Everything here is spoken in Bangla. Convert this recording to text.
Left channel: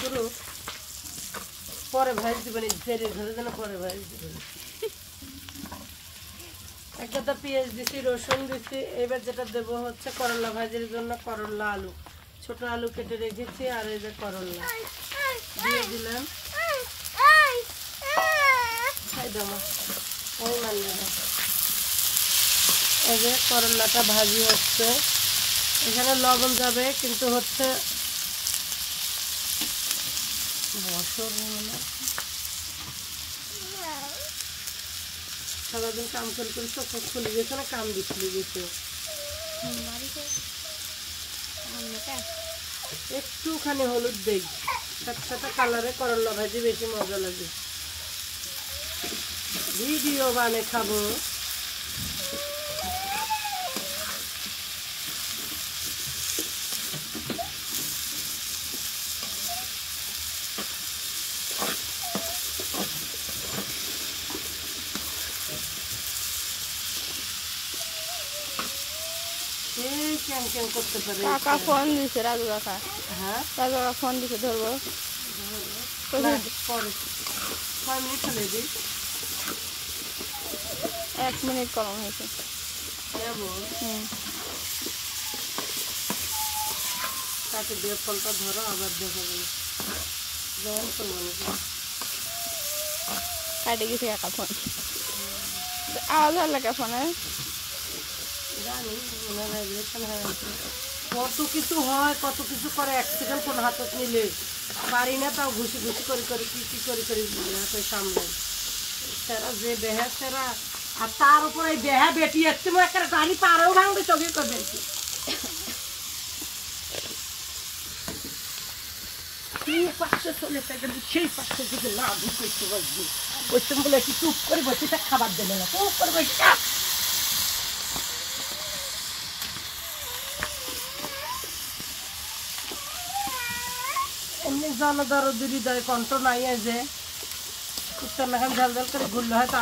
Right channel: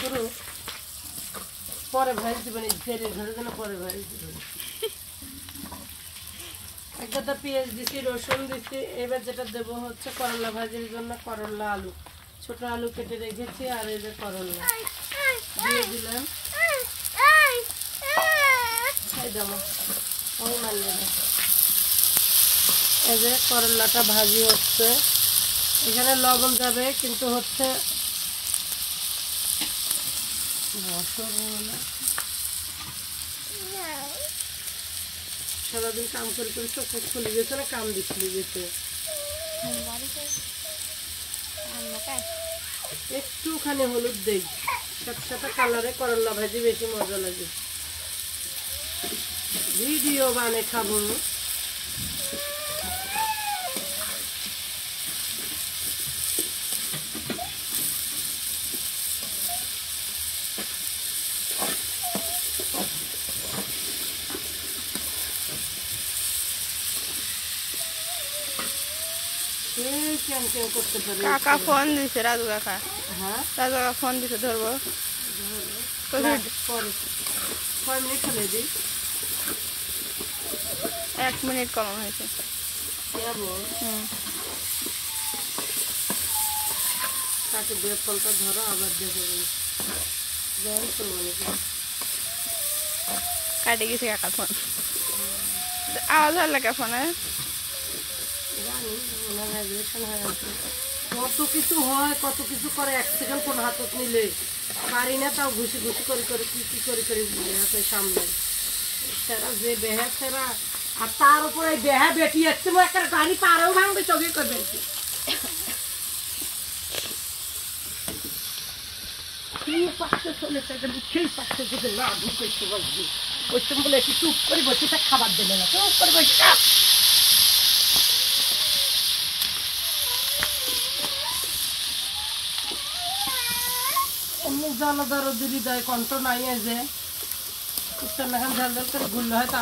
শুরু পরে ভাইজ দিবেন, তেলের ঘরে যেন পরে ভাইজ দিবেন। একটা পেঁয়াজ দিছি, রসুন দিছি। এবার যেটা দেবো হচ্ছে করলা ভাজির জন্য করলা আলু, ছোট আলু কেটে রেখেছি। আর এই যে করলা দিয়ে দিলাম। এই যে করলাটা ভাজি হচ্ছে, এখানে লবণ যাবে কিন্তু হচ্ছে সারাদিন কাম করে করে চোখ খুলে গেছে না, কাম দিয়ে খুলে গেছে। একটুখানি হলুদ দেই, সাথে সাথে কালারে করলা ভাজি বেশি মজা লাগে। ভিডিও বানিয়ে খাবো। কাকা ফোন দিছে, রাজু কাকা। হ্যাঁ, রাজু কাকা ফোন দিছে, ধরবো। 1 মিনিট কম হয়েছে। কাকে দিয়ে ফোনটা ধরো, আবার দেখো কাটে গেছে কাকা ফোন। আওয়াজ আর লাগে ফোনে। জানি কত কিছু হয়, কত কিছু করে। এক সেকেন্ড ফোন হাতত নিলে পারি না, তাও ঘুষি ঘুষি করে করে কি করে করে হাতে সামলাই। সেরা যে বেহা সেরা, আর তার উপরে এই বেহা বেটি আসছে, একটা গাড়ি পারেও ভাঙবে, চোখে করবে সেই পাশে চলে থাকে, সেই পাশে যদি না ঢুকতে বসবি ওইসব বলে একটু চুপ করে বসে খাবার দেবে না, চুপ করে বসে এমনি জনদরদ হৃদয় কণ্ঠ নাই যে উত্তর নাখান ঝাল ঝাল করে ঘুরলে হয় তা